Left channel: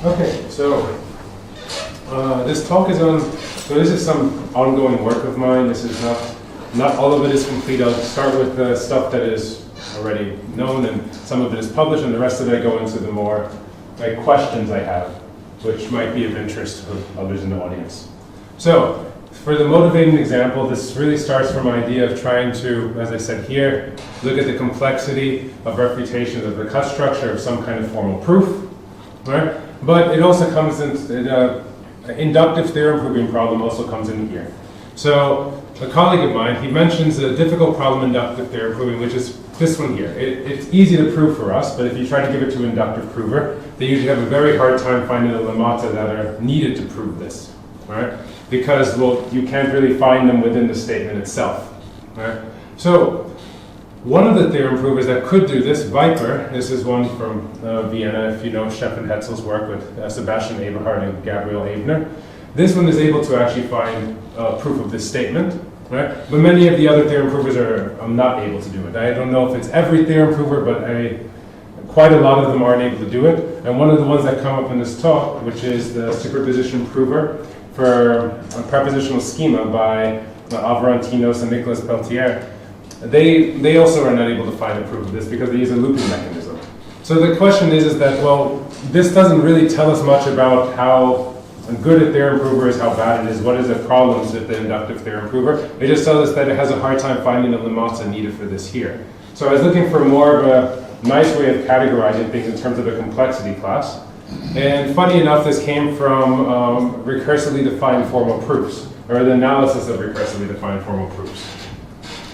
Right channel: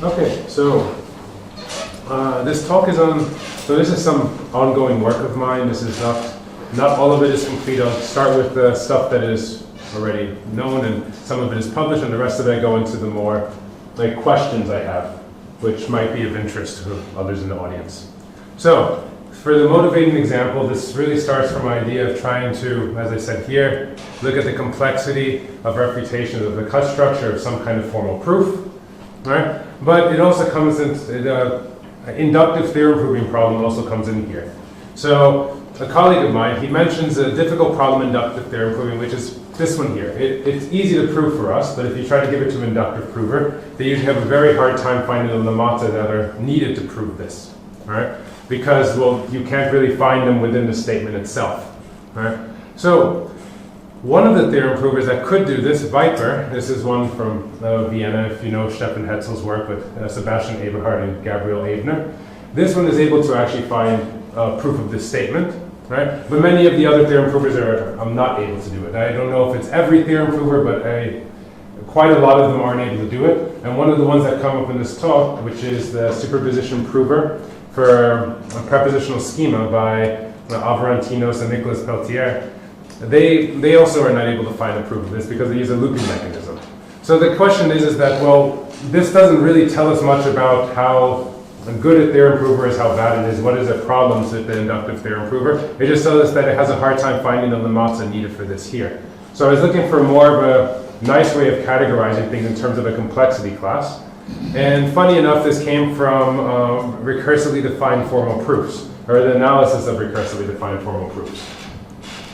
Okay, so this talk is on, so this is some ongoing work of mine. This is not all of it is complete. I'll start with the stuff that is already known, and some of it is published, and the rest of it I go into the more like questions I have, which might be of interest to others in the audience. So, for the motivating example, this really starts from an idea of trying to, as I said here, look at the complexity of refutation of the cut structure of some kind of formal proof. Right? But it also comes in the inductive theorem proving problem also comes in here. So a colleague of mine, he mentions a difficult problem in inductive theorem proving, which is this one here. It's easy to prove for us, but if you try to give it to an inductive prover, they usually have a very hard time finding the lemata that are needed to prove this. Right? Because, well, you can't really find them within the statement itself. Right? So, one of the theorem provers that could do this, Viper, this is one from Vienna, if you know Stefan Hetzel's work with Sebastian Eberhard and Gabriel Ebner. This one is able to actually find proof of this statement, right? But many of the other theorem provers are not able to do it. I don't know if it's every theorem prover, but quite a lot of them aren't able to do it. And one of the ones that come up in this talk, which is the superposition prover for a prepositional schema by Avrantinos and Nicolas Peltier, they also are not able to find a proof of this because they use a looping mechanism. So the question is that, well, this doesn't really tell us much about how good a theorem prover is, how bad it is, what is the problems with the inductive theorem prover. It just tells us that it has a hard time finding the lemata needed for this here. So I was looking for more of a nice way of categorizing things in terms of a complexity class. And funny enough, this came from recursively defined formal proofs, or the analysis of recursively defined formal proofs.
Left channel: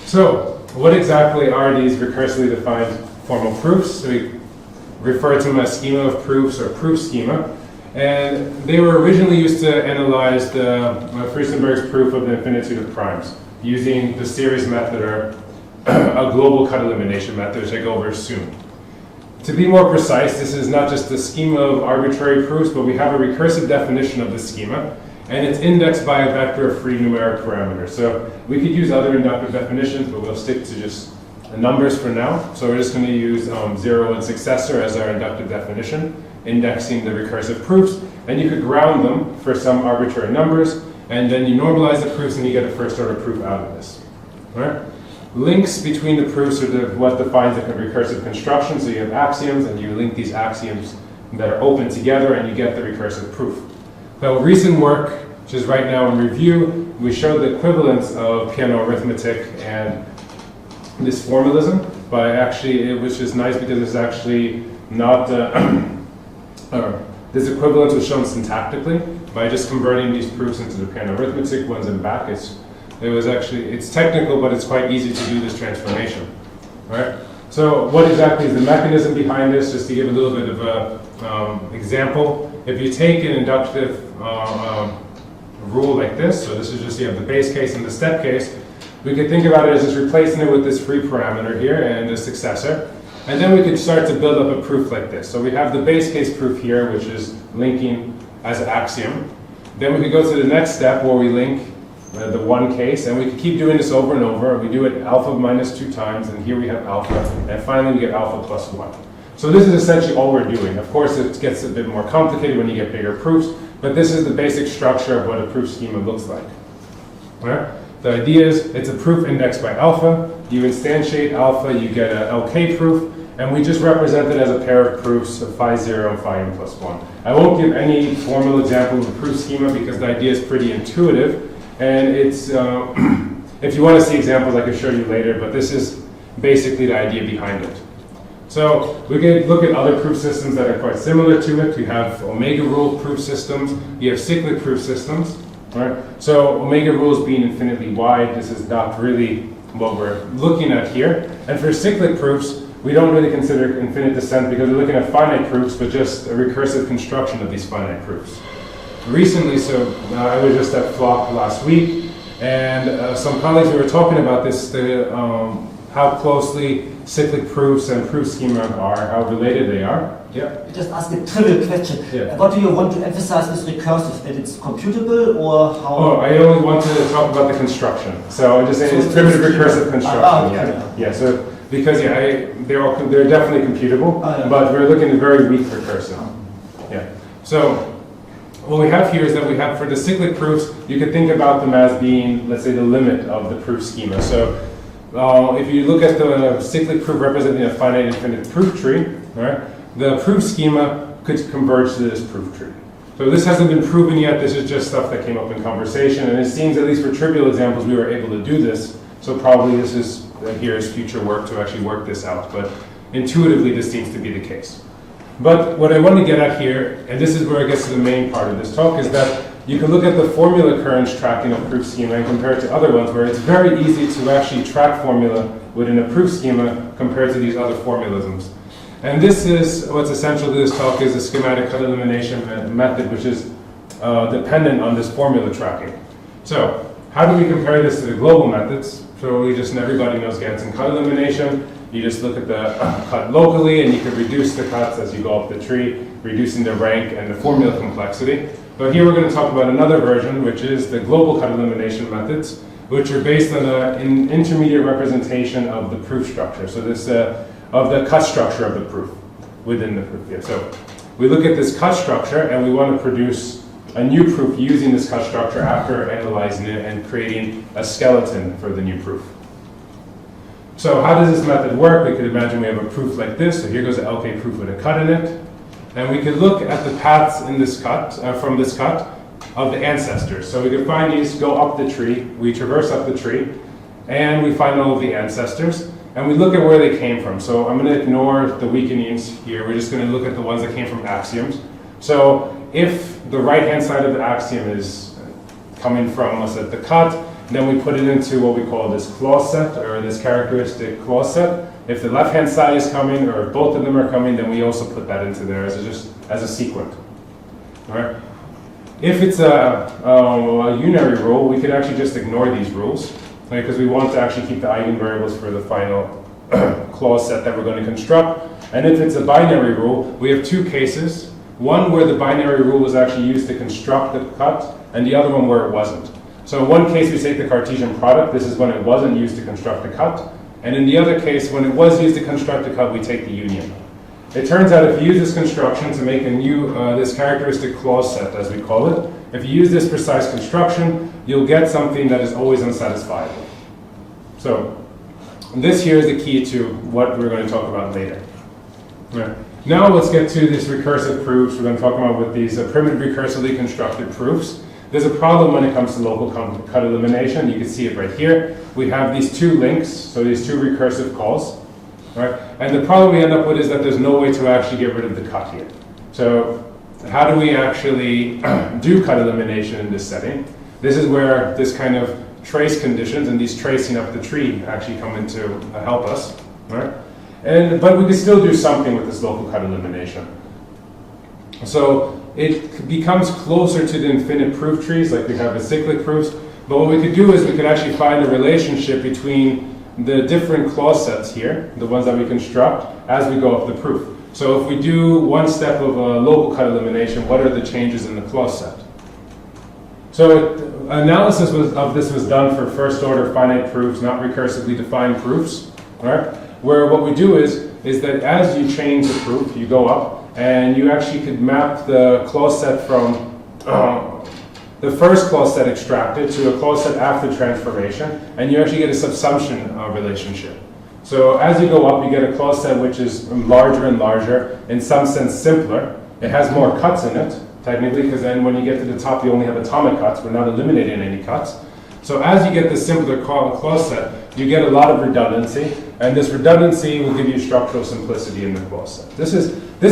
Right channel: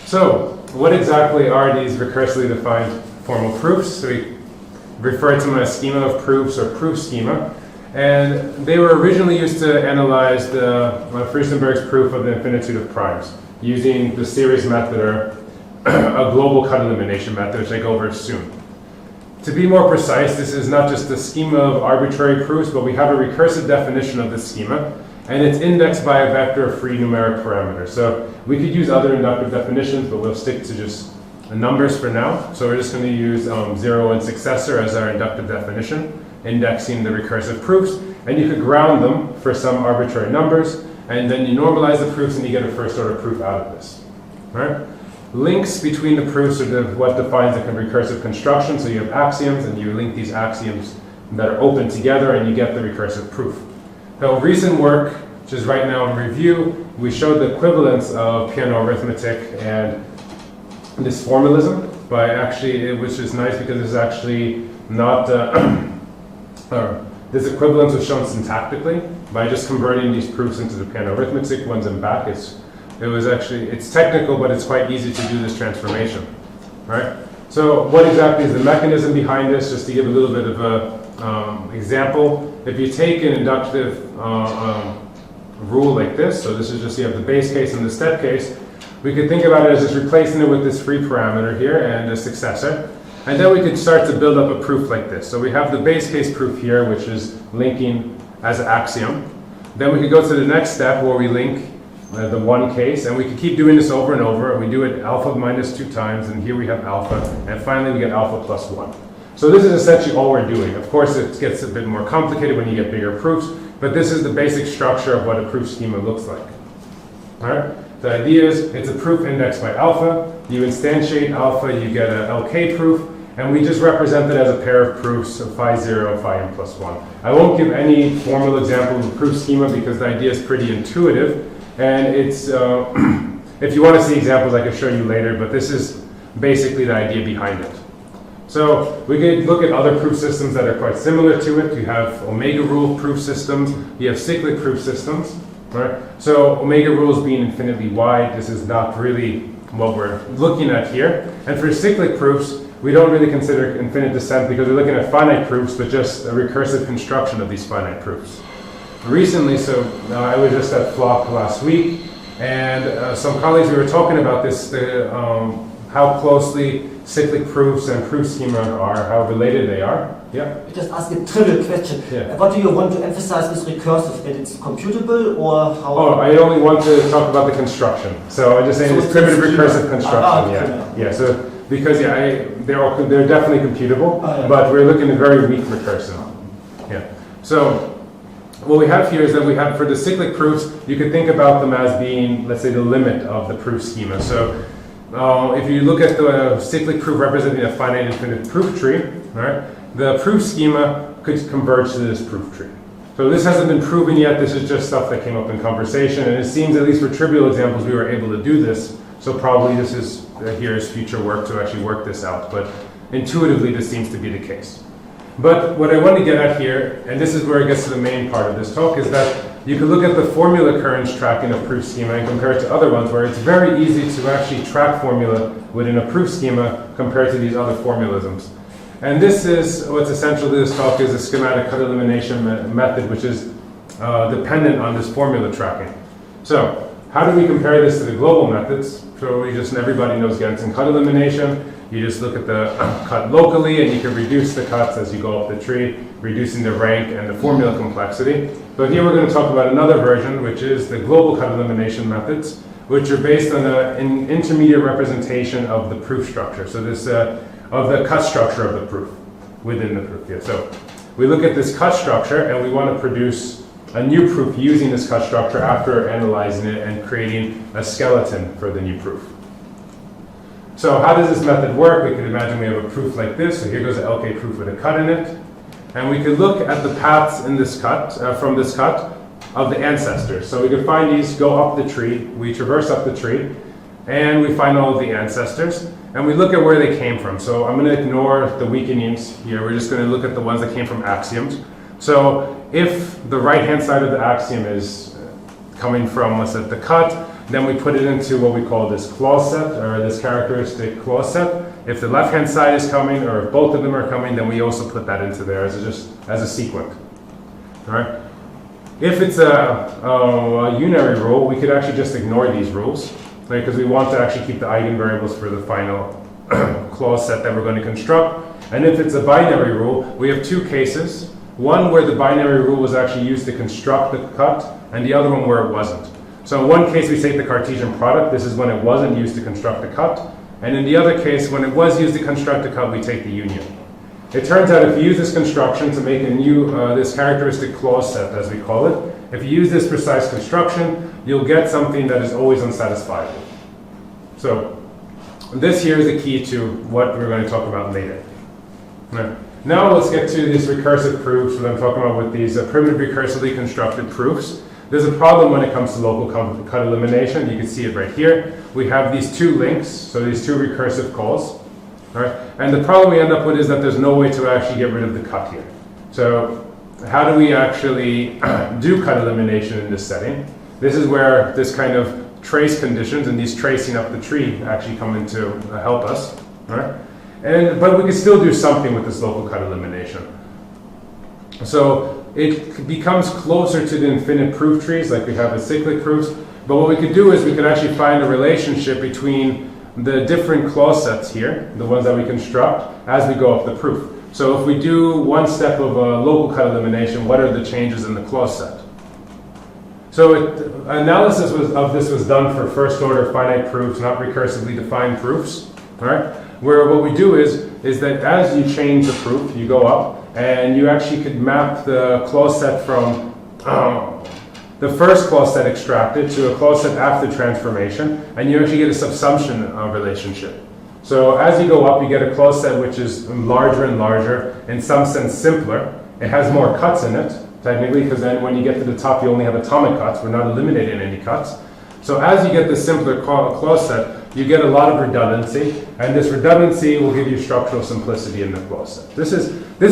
So, what exactly are these recursively defined formal proofs? So we refer to them as schema of proofs or proof schema. And they were originally used to analyze the Friesenberg's proof of the infinitude of primes using the CERES method or a global cut elimination method, which I go over soon. To be more precise, this is not just the schema of arbitrary proofs, but we have a recursive definition of this schema, and it's indexed by a vector of free numeric parameters. So we could use other inductive definitions, but we'll stick to just the numbers for now. So we're just going to use 0 and successor as our inductive definition, indexing the recursive proofs, and you could ground them for some arbitrary numbers, and then you normalize the proofs and you get a first order proof out of this. All right? Links between the proofs are what defines a recursive construction. So you have axioms, and you link these axioms that are open together, and you get the recursive proof. Now, recent work, which is right now in review, we showed the equivalence of piano arithmetic and this formalism, but actually, which is nice because it's actually not, this equivalence was shown syntactically by just converting these proofs into the piano arithmetic ones and back. It's technical, but it's quite easy to do this transformation, right? So what exactly is the mechanism behind this? Just to give a little bit of a example, if you take an inductive rule like this, so this is just, you have the base case and the step case, we could think about it as just replacing it with this free parameter here and the successor, and then we could start to build up a proof like this. So we have the base case proof here, which is linking as an axiom. Then we could go to the next step where we link the one case, and we can keep doing this over and over. We do it alpha minus 2 times, and here we have alpha, and finally we get alpha plus 1. So this is essentially all we're doing. Of course, it gets a bit more complicated when you get bigger proofs, but this is the basic structure of what a proof schema looks like. All right? The idea is it's a proof indexed by alpha. You instantiate alpha, you get an LK proof, and we just represent it as a pair of proofs of phi 0 and phi n plus 1. I won't give any formal example of the proof schema because the idea is pretty intuitive. And it's, if you want to see examples, I could show you later, but this is basically the idea behind it. So we can look at other proof systems that are quite similar to it. You have omega rule proof systems. You have cyclic proof systems. Right? So omega rules being infinitely wide, this is not really what we're looking at here. And for cyclic proofs, we don't really consider infinite descent because we're looking at finite proofs, but just a recursive construction of these finite proofs. Recently, I was just at Flock last week, and some colleagues we were talking about this, how closely cyclic proofs and proof schema are, how related they are. Yeah? Just ask a trivial question. Yeah. What do you want to emphasize with recursive? That it's computable or how? Oh, I only want to talk about the construction. So I'm just saying it's primitive recursive construction. Yeah. So because they're definitely computable, but we're looking at very weak recursive. Yeah. So what we have here is that we have, for the cyclic proofs, you could think about them as being, let's say, the limit of the proof schema. So if you look at the cyclic proof representing a finite infinite proof tree, right, the proof schema could converge to this proof tree. So this hasn't been proven yet, this is just stuff that came up in conversation, and it seems, at least for trivial examples, we were able to do this. So probably this is, here is future work to actually work this out, but intuitively this seems to be the case. But what I want to get at here, and this is where it gets to the main part of this talk, is that you can look at the formula occurrence tracking of proof schema and compare it to other ones where it's very easy to actually track formula within a proof schema compared to these other formalisms. And this is, what's essential to this talk is a schematic cut elimination method which is dependent on this formula tracking. So how do we compare this to the global methods? So everybody knows Gantt cut elimination. You just look at the cut locally and you can reduce the cuts as you go up the tree, reducing the rank and the formula complexity. But here we're going to talk about another version, which is the global cut elimination methods, which are based on an intermediate representation of the proof structure. So this, of the cut structure of the proof, within the proof. Yeah. So we look at this cut structure and we want to produce a new proof using this cut structure after analyzing it and creating a skeleton for the new proof. So how does this method work? We could imagine we have a proof like this. So here goes an LK proof with a cut in it. And we could look at the paths in this cut, from this cut, of the ancestors. So we could find these, go up the tree, we traverse up the tree, and we find all of the ancestors, and we look at where they came from. So I'm going to ignore the weakenings here. We're just going to look at the ones that came from axioms. So if the right-hand side of the axiom is coming from, let's say, the cut, then we put it into what we call this clause set, or this characteristic clause set. If the left-hand side is coming, or both of them are coming, then we also put that into there as a sequent. All right. If it's a unary rule, we could actually just ignore these rules, right, because we want to actually keep the eigenvariables for the final clause set that we're going to construct. And if it's a binary rule, we have two cases. One where the binary rule was actually used to construct the cut, and the other one where it wasn't. So in one case, we take the Cartesian product. This is when it wasn't used to construct the cut. And in the other case, when it was used to construct the cut, we take the union. It turns out if you use this construction to make a new, this characteristic clause set, as we call it, if you use this precise construction, you'll get something that is always unsatisfiable. So this here is the key to what we're going to talk about later. Right. Now let's get to these recursive proofs, what I'm talking about with these primitive recursively constructed proofs. There's a problem when it comes to local cut elimination. You can see it right here. We have these two links, so these two recursive calls. Right? And the problem we end up with is that there's no way to actually get rid of the cut here. So how do we actually do cut elimination in this setting? This is where this kind of trace conditions and these tracing up the tree actually come in to help us. Right? But we can still do something with this local cut elimination. So it becomes closer to the infinite proof trees like we have with cyclic proofs. But what we could do is we could actually find a relationship between the different clause sets here, the ones that we construct, as we go up the proof. So if we do one step of a local cut elimination, what are the changes in the clause set? So analysis of this was done for first order finite proofs, not recursively defined proofs. All right? Where what we do is that as you change the proof, you go up, and you actually could map the clause set from the first clause set extracted to a clause set after transformation, and you actually get a subsumption relationship. So as you go up, you get a clause set which is larger and larger, in some sense simpler. It has more cuts in it, technically, because then when you get to the top, you only have atomic cuts. We're not eliminating any cuts. So as you get the simpler clause set, you get a lot of redundancy, and this redundancy will give you structural simplicity in the clause set. This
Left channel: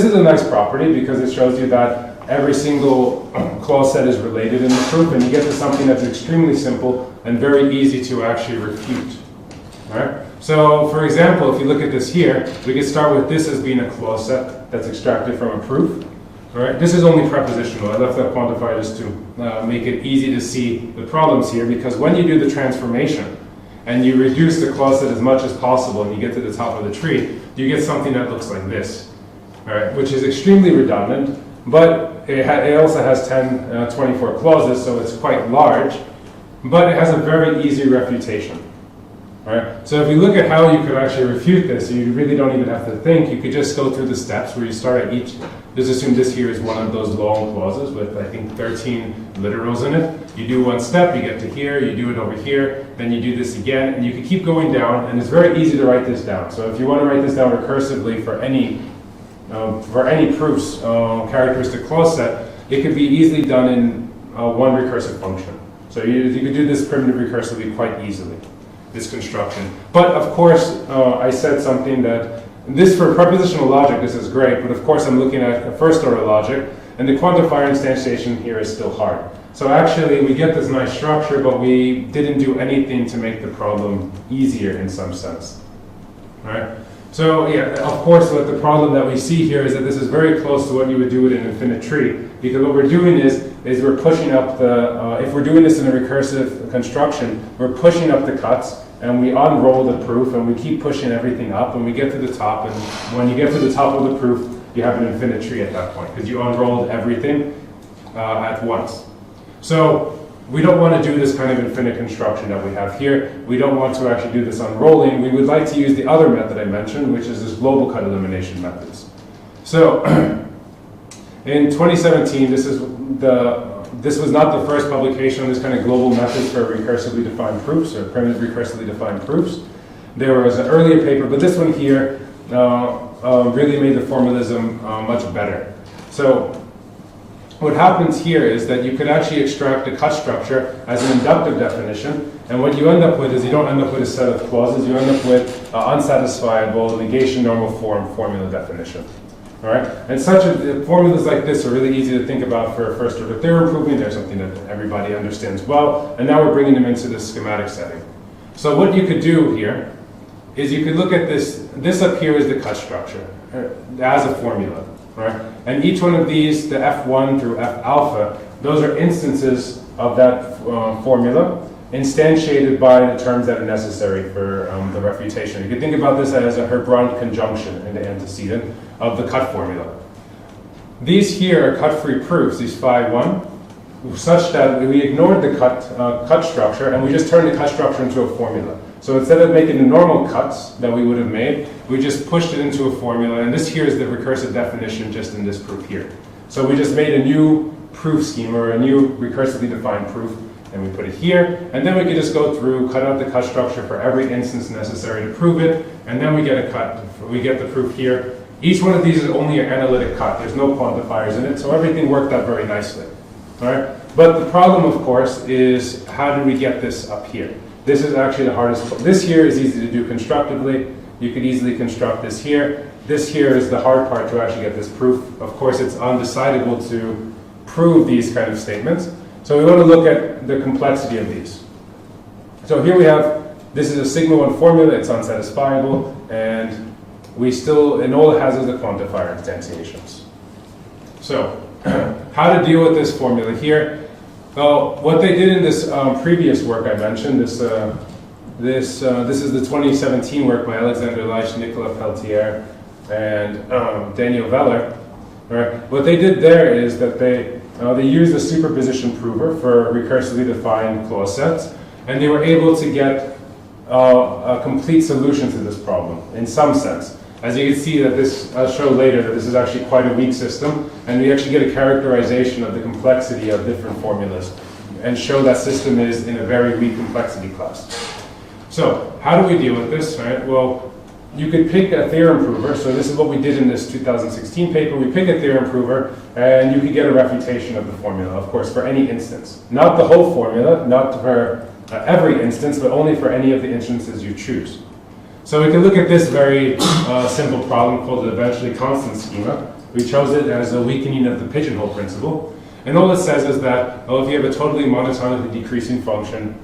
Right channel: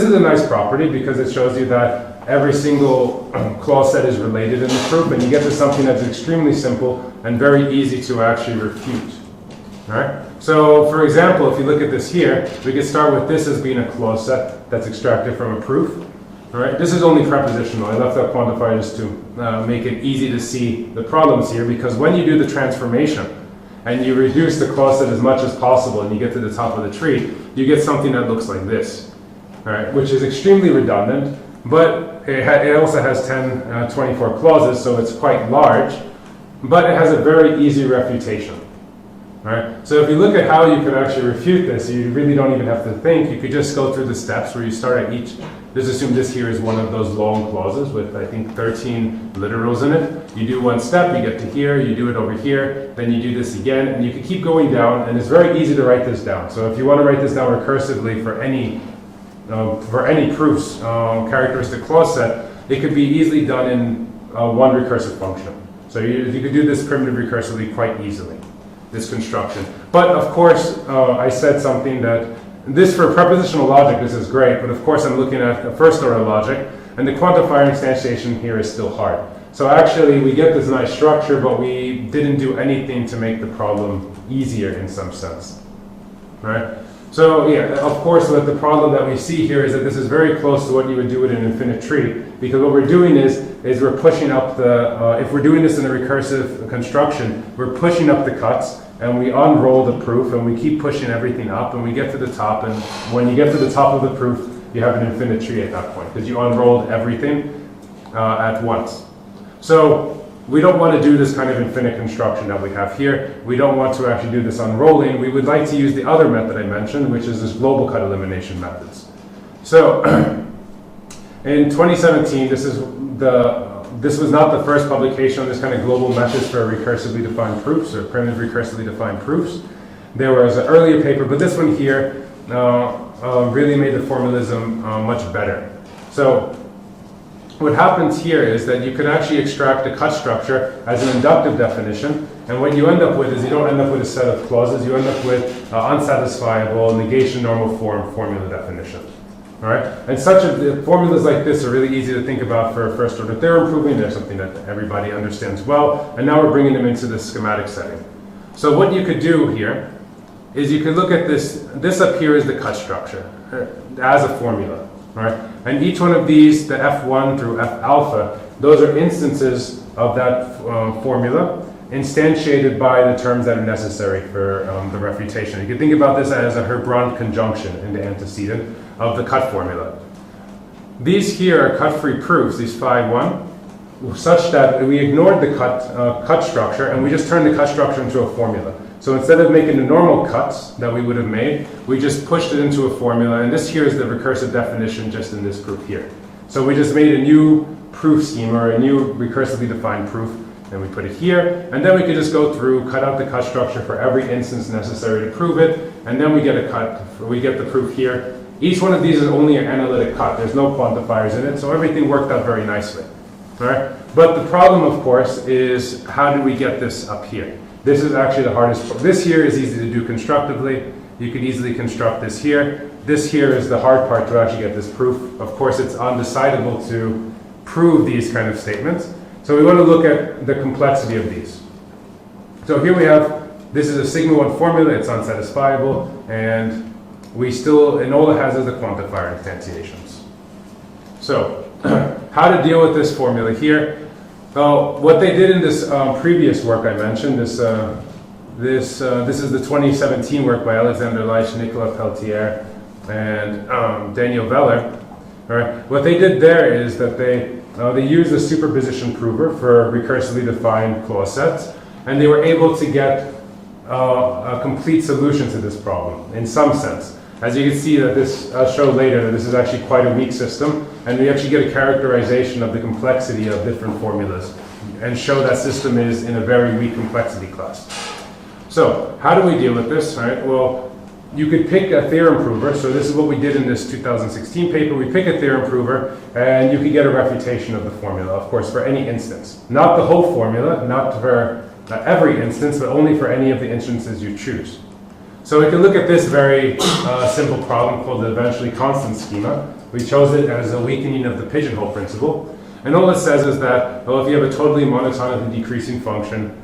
is a nice property because it shows you that every single clause set is related in the proof, and you get to something that's extremely simple and very easy to actually refute. All right? So, for example, if you look at this here, we could start with this as being a clause set that's extracted from a proof. All right? This is only prepositional. I left that quantifier just to make it easy to see the problems here, because when you do the transformation and you reduce the clause set as much as possible and you get to the top of the tree, you get something that looks like this, all right? Which is extremely redundant, but it also has 24 clauses, so it's quite large, but it has a very easy refutation. Right? So if you look at how you could actually refute this, you really don't even have to think. You could just go through the steps where you start at each. Let's assume this here is one of those long clauses with, I think, 13 literals in it. You do one step, you get to here, you do it over here, then you do this again, and you can keep going down, and it's very easy to write this down. So if you want to write this down recursively for any proofs, characteristic clause set, it could be easily done in one recursive function. So you could do this primitive recursively quite easily, this construction. But of course, I said something that this for prepositional logic, this is great, but of course I'm looking at a first order logic, and the quantifier instantiation here is still hard. So actually we get this nice structure, but we didn't do anything to make the problem easier in some sense. Right? So yeah, of course what the problem that we see here is that this is very close to what you would do with an infinite tree, because what we're doing is we're pushing up the, if we're doing this in a recursive construction, we're pushing up the cuts, and we unroll the proof, and we keep pushing everything up, and we get to the top, and when you get to the top of the proof, you have an infinite tree at that point, because you unrolled everything at once. So we don't want to do this kind of infinite construction that we have here. We don't want to actually do this unrolling. We would like to use the other method I mentioned, which is this global cut elimination methods. So in 2017, this was not the first publication of this kind of global methods for recursively defined proofs or primitive recursively defined proofs. There was an earlier paper, but this one here really made the formalism much better. So what happens here is that you could actually extract a cut structure as an inductive definition, and what you end up with is you don't end up with a set of clauses, you end up with unsatisfiable negation normal form formula definition. All right? And formulas like this are really easy to think about for a first order theorem proving. They're something that everybody understands well, and now we're bringing them into this schematic setting. So what you could do here is you could look at this up here is the cut structure as a formula. Right? And each one of these, the F1 through F alpha, those are instances of that formula instantiated by the terms that are necessary for the refutation. You can think about this as a Herbrand conjunction in the antecedent of the cut formula. These here are cut-free proofs, these phi 1, such that we ignored the cut structure and we just turned the cut structure into a formula. So instead of making the normal cuts that we would have made, we just pushed it into a formula, and this here is the recursive definition just in this proof here. So we just made a new proof scheme, or a new recursively defined proof, and we put it here, and then we could just go through, cut out the cut structure for every instance necessary to prove it, and then we get the proof here. Each one of these is only an analytic cut. There's no quantifiers in it, so everything worked out very nicely. All right? But the problem, of course, is how do we get this up here? This is actually the hardest part. This here is easy to do constructively. You can easily construct this here. This here is the hard part to actually get this proof. Of course, it's undecidable to prove these kind of statements. So we want to look at the complexity of these. So here we have, this is a sigma 1 formula. It's unsatisfiable. And and all it has is the quantifier instantiations. So how to deal with this formula here? Well, what they did in this previous work I mentioned, this is the 2017 work by Alexander Leitch, Nicolas Peltier, and Daniel Veller. All right. What they did there is that they used a superposition prover for recursively defined clause sets, and they were able to get a complete solution to this problem in some sense. As you can see, that this I'll show later that this is actually quite a weak system, and we actually get a characterization of the complexity of different formulas and show that system is in a very weak complexity class. So how do we deal with this? All right, well, you could pick a theorem prover. So this is what we did in this 2016 paper. We pick a theorem prover, and you can get a refutation of the formula, of course, for any instance. Not the whole formula, not for every instance, but only for any of the instances you choose. So we can look at this very simple problem called the eventually constant schema. We chose it as a weakening of the pigeonhole principle. And all it says is that, well, if you have a totally monotonically decreasing function,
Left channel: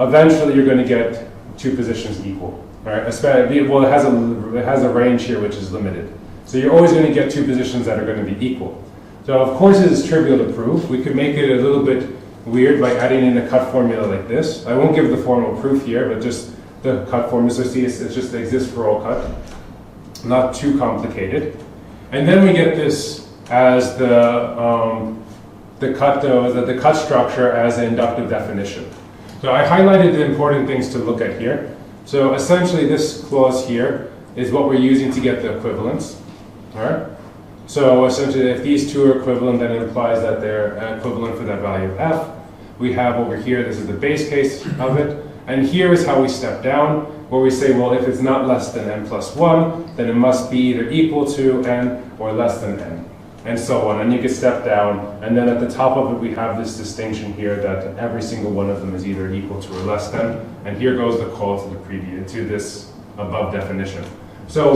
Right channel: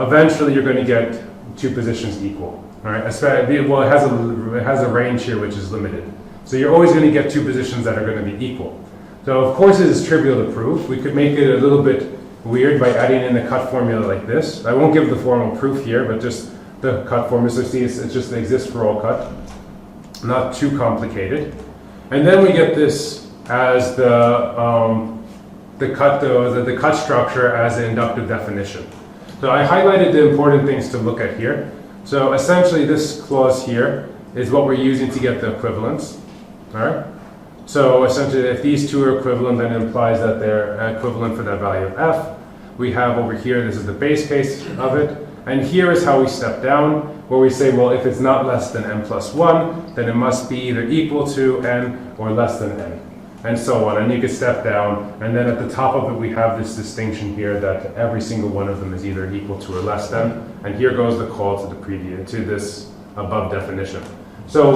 eventually you're going to get two positions equal. Right? Well, it has a range here which is limited. So you're always going to get two positions that are going to be equal. So of course it is trivial to prove. We could make it a little bit weird by adding in a cut formula like this. I won't give the formal proof here, but just the cut formula, so see, it just exists for all cut. Not too complicated. And then we get this as the cut structure as an inductive definition. So I highlighted the important things to look at here. So essentially this clause here is what we're using to get the equivalence. All right? So essentially if these two are equivalent, then it implies that they're equivalent for that value of f. We have over here, this is the base case of it. And here is how we step down, where we say, well, if it's not less than n plus 1, then it must be either equal to n or less than n, and so on. And you can step down, and then at the top of it, we have this distinction here that every single one of them is either equal to or less than. And here goes the call to the previous, to this above definition. So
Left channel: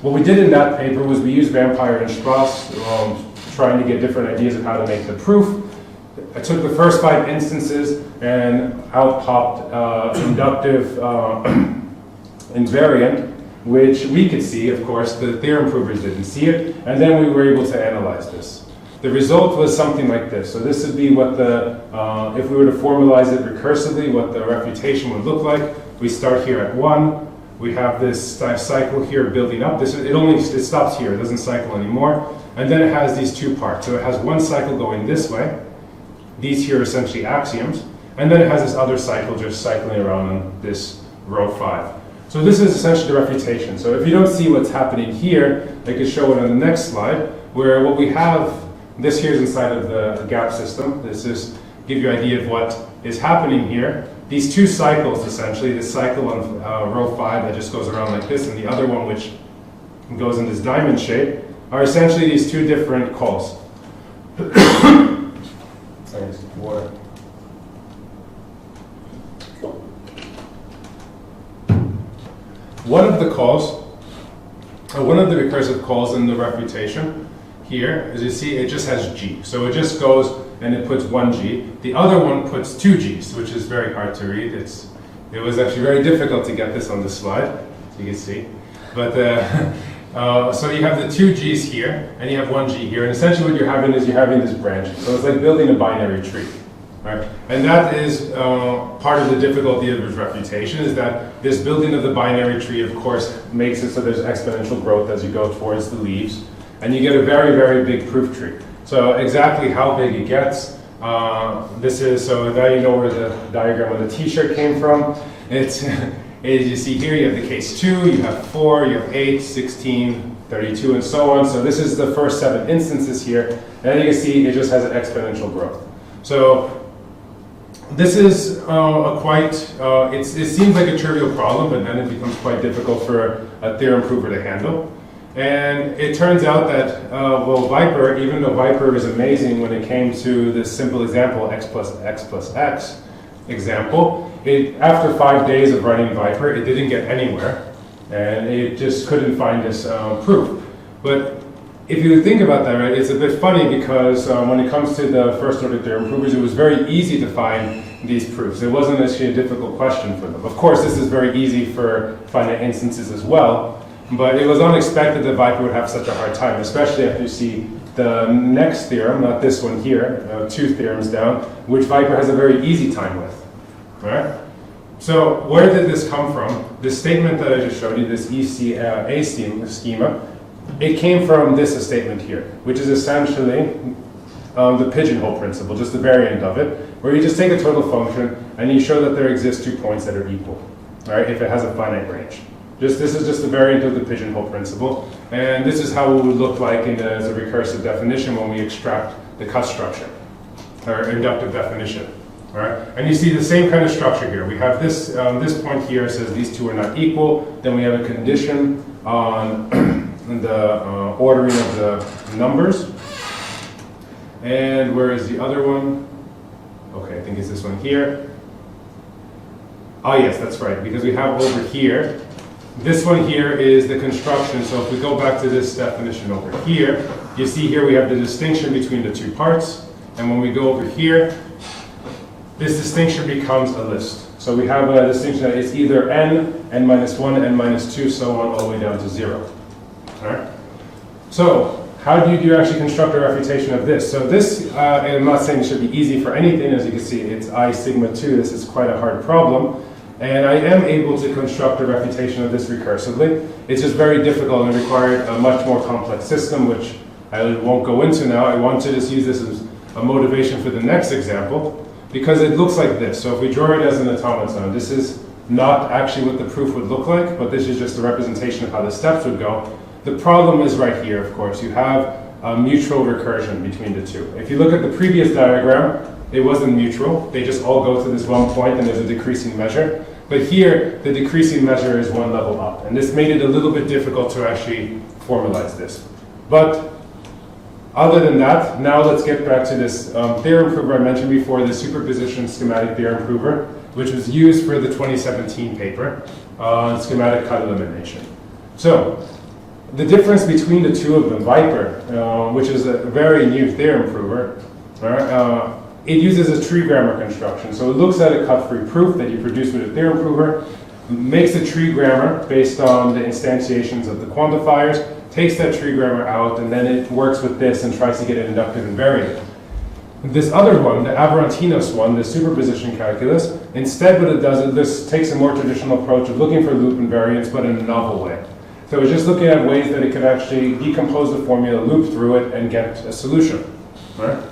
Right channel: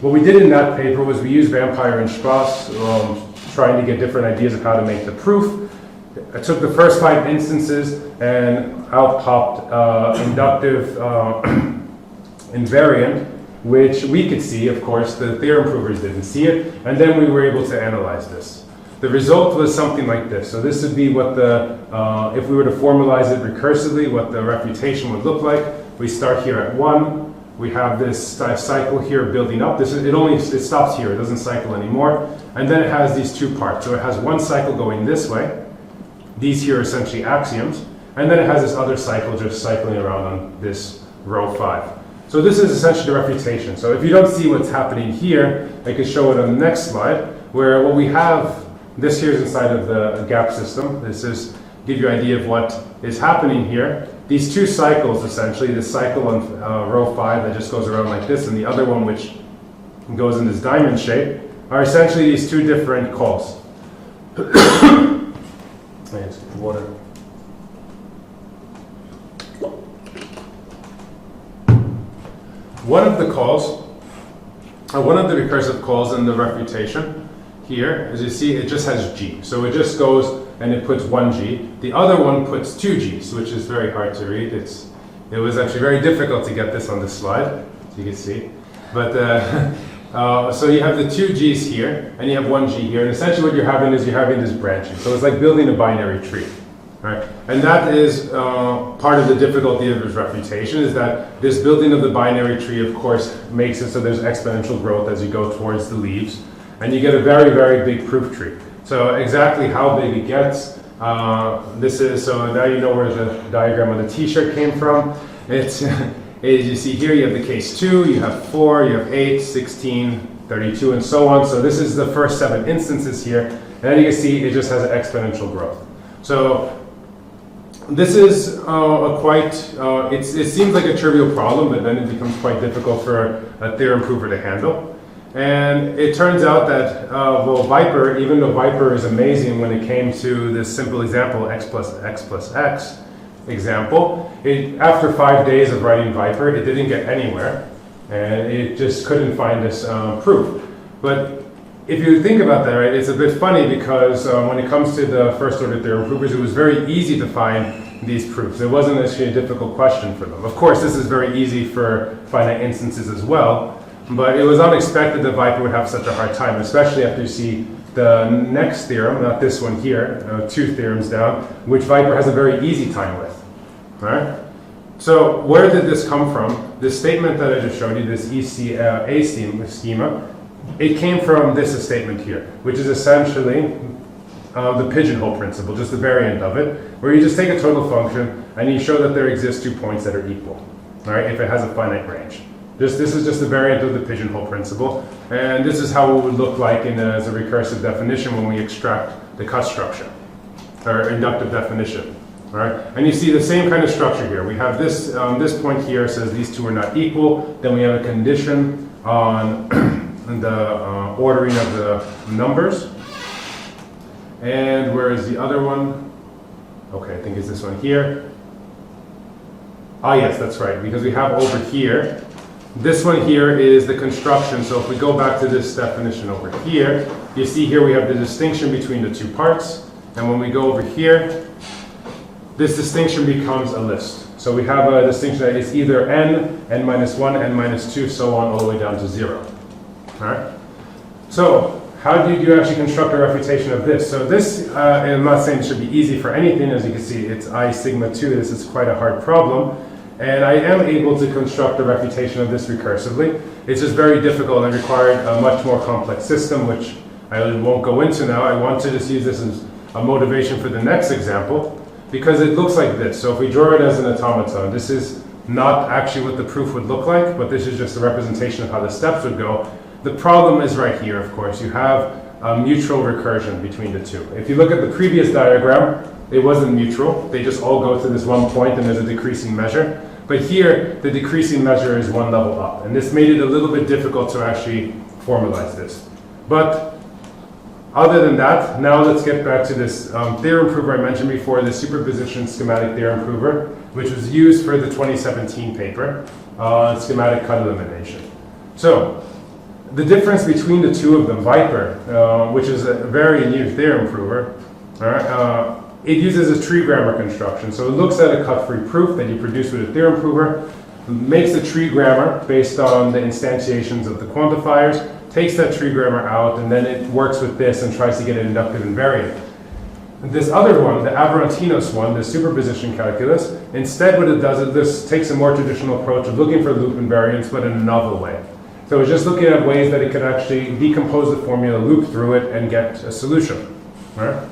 what we did in that paper was we used Vampire and Strauss, trying to get different ideas of how to make the proof. I took the first 5 instances and out popped inductive invariant, which we could see, of course, the theorem provers didn't see it, and then we were able to analyze this. The result was something like this. So this would be what if we were to formalize it recursively, what the refutation would look like. We start here at 1. We have this cycle here building up. It stops here. It doesn't cycle anymore. And then it has these 2 parts. So it has one cycle going this way. These here are essentially axioms. And then it has this other cycle just cycling around on this row 5. So this is essentially the refutation. So if you don't see what's happening here, I can show it on the next slide, where what we have, this here is inside of the gap system. This is give you an idea of what is happening here. These 2 cycles, essentially, this cycle on row 5 that just goes around like this, and the other one which goes in this diamond shape, are essentially these 2 different calls. Water. One of the calls, one of the recursive calls in the refutation here, as you see, it just has g. So it just goes and it puts 1g. The other one puts 2g's, which is very hard to read. It was actually very difficult to get this on this slide, as you can see. But so you have the 2g's here, and you have 1g here, and essentially what you're having is this branching. So it's like building a binary tree. Right? And that is part of the difficulty of this refutation, is that this building of the binary tree, of course, makes it so there's exponential growth as you go towards the leaves, and you get a very, very big proof tree. So exactly how big it gets, so now you know where the diagram of the t-shirt came from. It's, as you see here, you have the case 2, you have 4, you have 8, 16, 32, and so on. So this is the first 7 instances here, and you can see it just has an exponential growth. So this is it seems like a trivial problem, but then it becomes quite difficult for a theorem prover to handle. And it turns out that, Viper, even though Viper is amazing when it came to this simple example, x plus x example, after 5 days of writing Viper, it didn't get anywhere, and it just couldn't find this proof. But if you think about that, right, it's a bit funny because when it comes to the first order theorem provers, it was very easy to find these proofs. It wasn't actually a difficult question for them. Of course, this is very easy for finite instances as well, but it was unexpected that Viper would have such a hard time, especially after you see the next theorem, not this one here, 2 theorems down, which Viper has a very easy time with. All right? So where did this come from? This statement that I just showed you, this A schema, it came from this statement here, which is essentially the pigeonhole principle, just the variant of it, where you just take a total function and you show that there exist 2 points that are equal, all right, if it has a finite range. This is just the variant of the pigeonhole principle, and this is how it would look like as a recursive definition when we extract the cut structure, or inductive definition. All right, and you see the same kind of structure here. We have this point here says these 2 are not equal. Then we have a condition on the ordering of the numbers. And where is the other one? Okay, I think it's this one here. Ah, yes, that's right, because we have over here, this one here is the construction. So if we go back to this definition over here, you see here we have the distinction between the 2 parts. And when we go over here, this distinction becomes a list. So we have a distinction that is either n, n minus 1, n minus 2, so on, all the way down to 0. All right? So how do you actually construct a refutation of this? So this, I'm not saying it should be easy for anything. As you can see, it's I sigma 2. This is quite a hard problem. And I am able to construct a refutation of this recursively. It's just very difficult and required a much more complex system, which I won't go into now. I want to just use this as a motivation for the next example, because it looks like this. So if we draw it as an automaton, this is not actually what the proof would look like, but this is just a representation of how the steps would go. The problem is right here, of course. You have a mutual recursion between the two. If you look at the previous diagram, it wasn't mutual. They just all go to this one point and there's a decreasing measure. But here, the decreasing measure is one level up. And this made it a little bit difficult to actually formalize this. But other than that, now let's get back to this theorem prover I mentioned before, the superposition schematic theorem prover, which was used for the 2017 paper, schematic cut elimination. So, the difference between the two of them, Viper, which is a very new theorem prover, it uses a tree grammar construction. So it looks at a cut-free proof that you produce with a theorem prover, makes a tree grammar based on the instantiations of the quantifiers, takes that tree grammar out, and then it works with this and tries to get an inductive invariant. This other one, the Aberantinos one, the superposition calculus, instead what it does is this takes a more traditional approach of looking for loop invariants, but in a novel way. So it's just looking at ways that it could actually decompose the formula, loop through it, and get a solution. Right?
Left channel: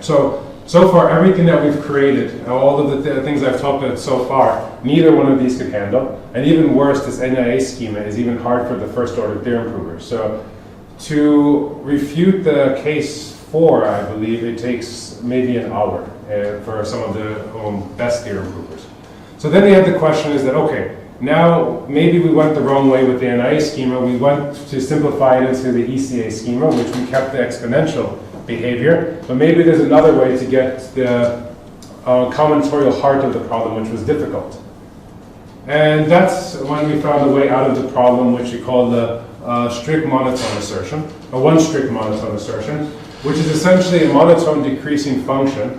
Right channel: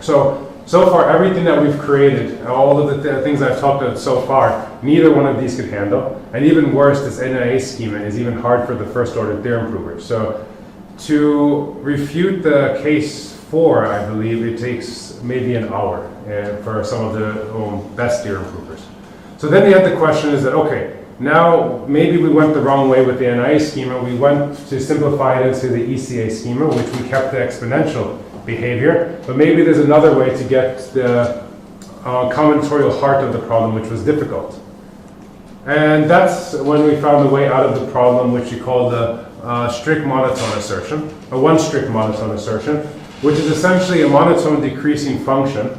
So far, everything that we've created, all of the things I've talked about so far, neither one of these could handle. And even worse, this NIA schema is even hard for the first order theorem provers. So to refute the case 4, I believe, it takes maybe an hour for some of the best theorem provers. So then the other question is that, okay, now maybe we went the wrong way with the NIA schema. We went to simplify it into the ECA schema, which we kept the exponential behavior, but maybe there's another way to get the combinatorial heart of the problem, which was difficult. And that's when we found a way out of the problem, which we call the strict monotone assertion, a one strict monotone assertion, which is essentially a monotone decreasing function,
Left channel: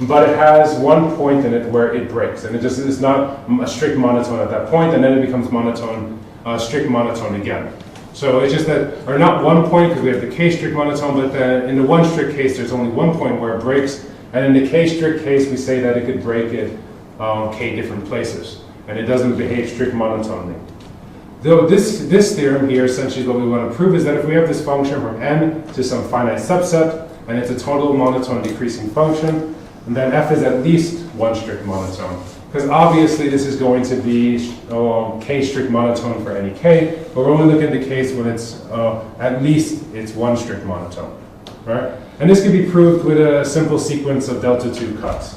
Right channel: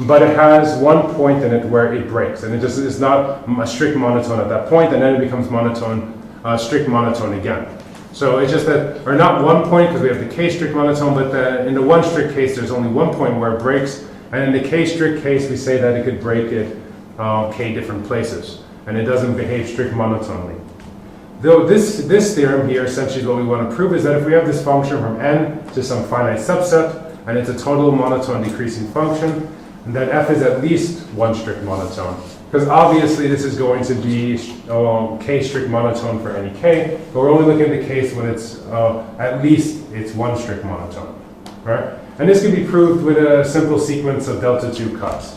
but it has one point in it where it breaks, and it just is not a strict monotone at that point, and then it becomes monotone, strict monotone again. So it's just that, or not one point, because we have the k-strict monotone, but in the one strict case, there's only one point where it breaks, and in the k-strict case, we say that it could break at k different places, and it doesn't behave strict monotonely. Though this theorem here, essentially what we want to prove is that if we have this function from n to some finite subset, and it's a total monotone decreasing function, and then f is at least one strict monotone. Because obviously this is going to be k strict monotone for any k, but we're only looking at the case when it's at least it's one strict monotone, right? And this can be proved with a simple sequence of delta 2 cuts.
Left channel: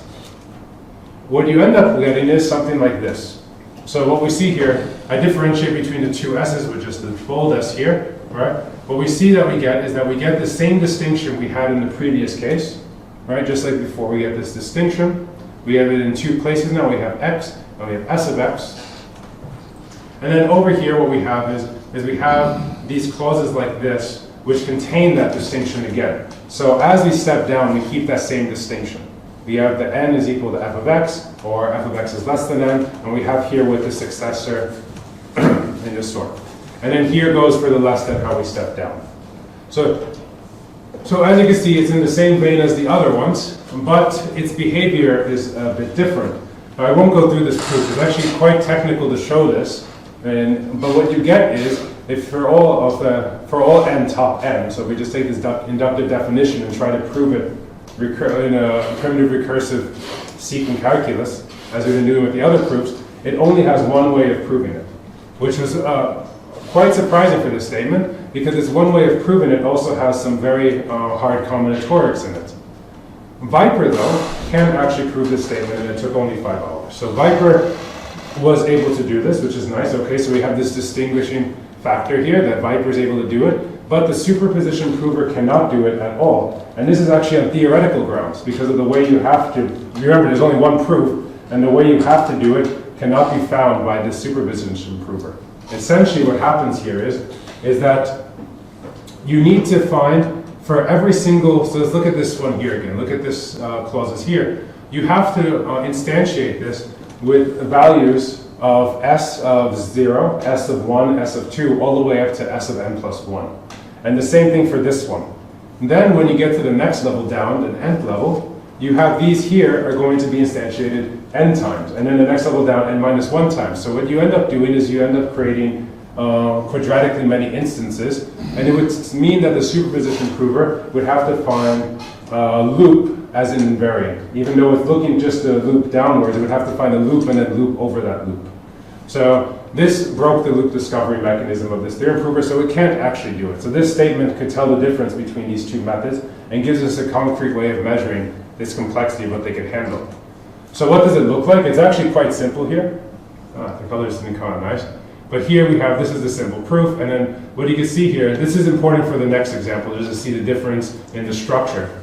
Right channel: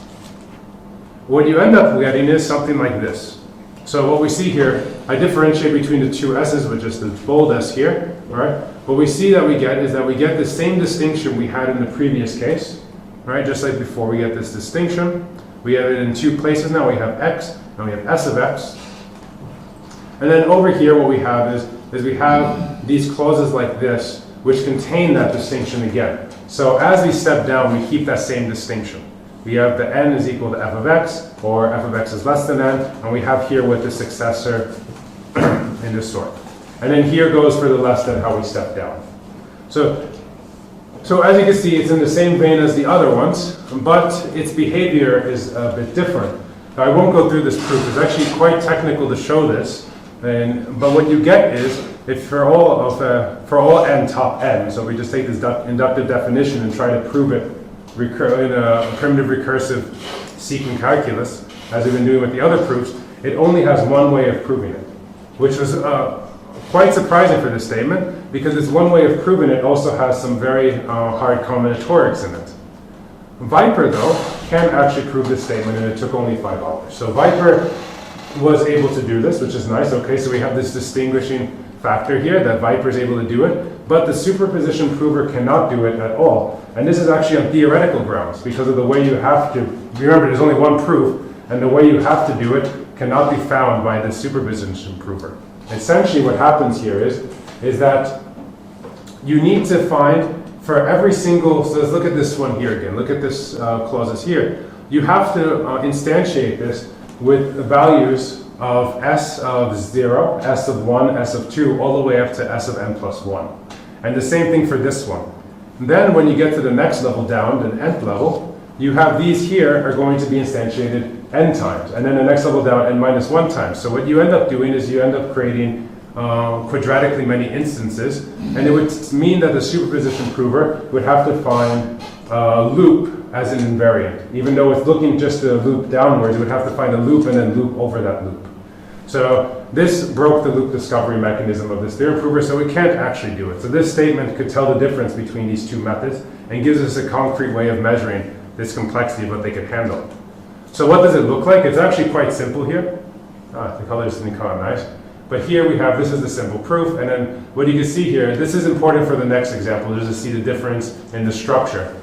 What you end up getting is something like this. So what we see here, I differentiate between the two s's with just the bold s here, right? What we see that we get is that we get the same distinction we had in the previous case, right? Just like before, we get this distinction. We have it in two places now. We have x and we have s of x. And then over here what we have is we have these clauses like this, which contain that distinction again. So as we step down, we keep that same distinction. We have the n is equal to f of x, or f of x is less than n, and we have here with the successor in this sort. And then here goes for the less than how we step down. So as you can see, it's in the same vein as the other ones, but its behavior is a bit different. Now, I won't go through this proof. It's actually quite technical to show this. But what you get is, if for all n top n, so we just take this inductive definition and try to prove it in a primitive recursive sequence calculus, as we've been doing with the other proofs, it only has one way of proving it, which was quite surprising for this statement, because it's one way of proving it also has some very hard combinatorics in it. Viper, though, can actually prove this statement, and it took only 5 hours. So Viper was able to do this, which is nice. Okay, so we have this distinguishing factor here that Viper is able to do it, but the superposition prover cannot do it at all. And this is actually on theoretical grounds, because of the way you have to, remember there's only one proof, and the way you have to do it cannot be found by the superposition prover. Essentially what happens here is that you need to find for every single, so let's look at this one here again, look at this clauses here. You have to instantiate this with the values of s of 0, s of 1, s of 2, all the way up to s of n plus 1. And the same thing for this one. And then when you get to the next level down, the nth level, you have these here are going to be instantiated n times, and then the next level down n minus 1 times. So what you end up doing is you end up creating quadratically many instances, and it would mean that the superposition prover would have to find a loop as an invariant. Even though it's looking just a loop downwards, it would have to find a loop and then loop over that loop. So this broke the loop discovery mechanism of this theorem prover, so it can't actually do it. So this statement could tell the difference between these two methods and gives us a concrete way of measuring this complexity of what they can handle. So what does it look like? It's actually quite simple here. The colors didn't come out nice. But here we have, this is the simple proof, and then what you can see here, this is important for the next example, just to see the difference in the structure.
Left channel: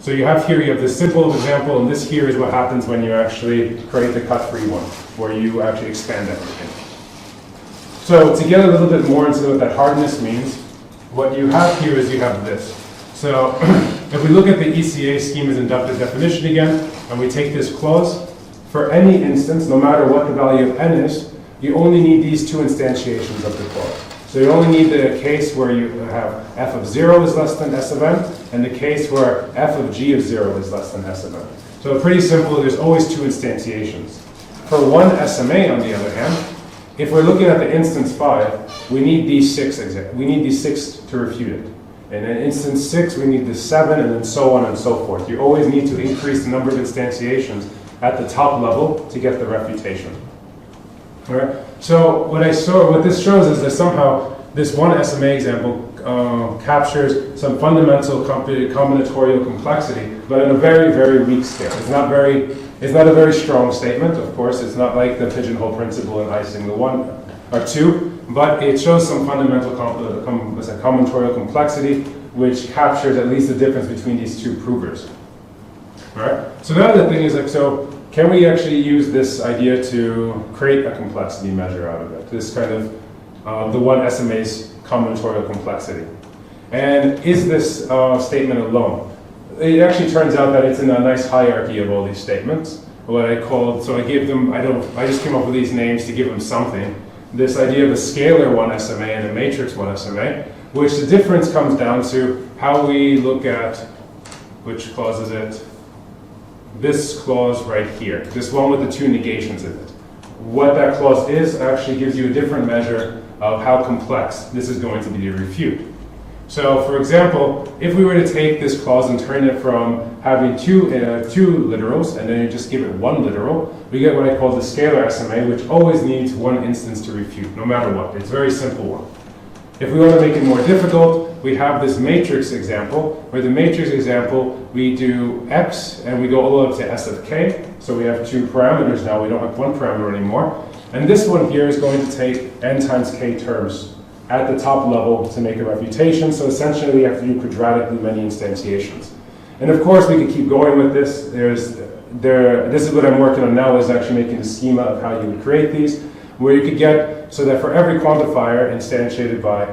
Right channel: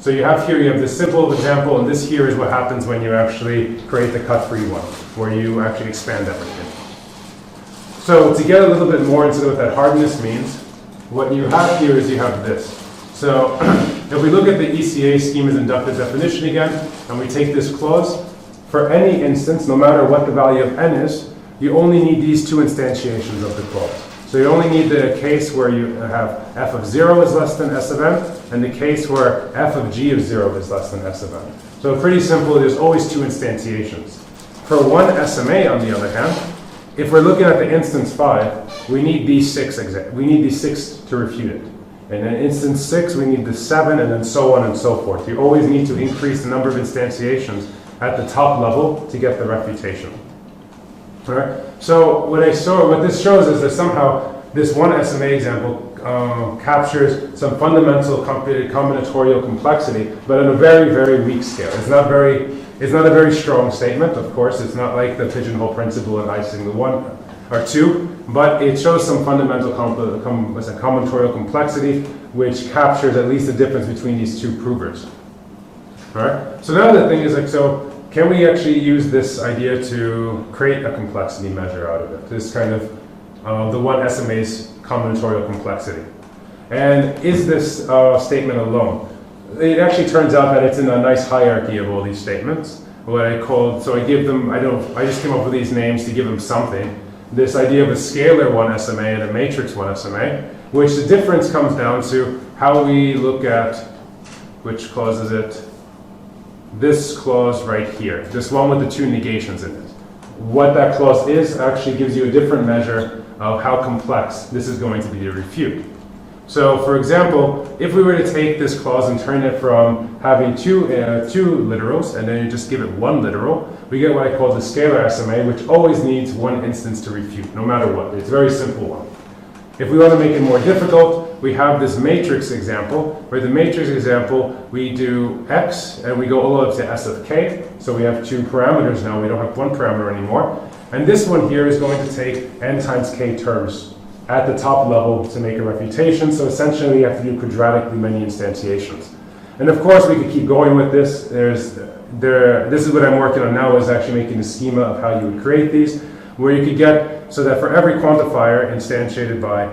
So you have here, you have this simple example, and this here is what happens when you actually create the cut-free one, where you actually expand everything. So to get a little bit more into what that hardness means, what you have here is you have this. So if we look at the ECA schema's inductive definition again, and we take this clause, for any instance, no matter what the value of n is, you only need these two instantiations of the clause. So you only need the case where you have f of 0 is less than s of n, and the case where f of g of 0 is less than s of n. So pretty simple, there's always two instantiations. For one SMA, on the other hand, if we're looking at the instance 5, we need these 6 to refute it. And in instance 6, we need the 7, and then so on and so forth. You always need to increase the number of instantiations at the top level to get the refutation. All right. So what this shows is that somehow this one SMA example captures some fundamental combinatorial complexity, but at a very, very weak scale. It's not a very strong statement. Of course, it's not like the pigeonhole principle in icing the 1 or 2, but it shows some fundamental combinatorial complexity, which captures at least the difference between these two provers. All right. So now the thing is like so. Can we actually use this idea to create a complexity measure out of it? This kind of the one SMA's combinatorial complexity. And is this statement alone? It actually turns out that it's in a nice hierarchy of all these statements. What I called, so I gave them, I just came up with these names to give them something. This idea of a scalar one SMA and a matrix one SMA, which the difference comes down to how we look at, which clause is it? This clause right here, this one with the two negations in it. What that clause is actually gives you a different measure of how complex this is going to be to refute. So for example, if we were to take this clause and turn it from having two literals and then you just give it one literal, we get what I call the scalar SMA, which always needs one instance to refute, no matter what. It's a very simple one. If we want to make it more difficult, we have this matrix example, where the matrix example, we do x, and we go all the way up to s of k. So we have two parameters now, we don't have one parameter anymore. And this one here is going to take n times k terms at the top level to make a refutation. So essentially, you have to do quadratically many instantiations. And of course, we could keep going with this. This is what I'm working on now, is actually making a schema of how you would create these, where you could get so that for every quantifier instantiated by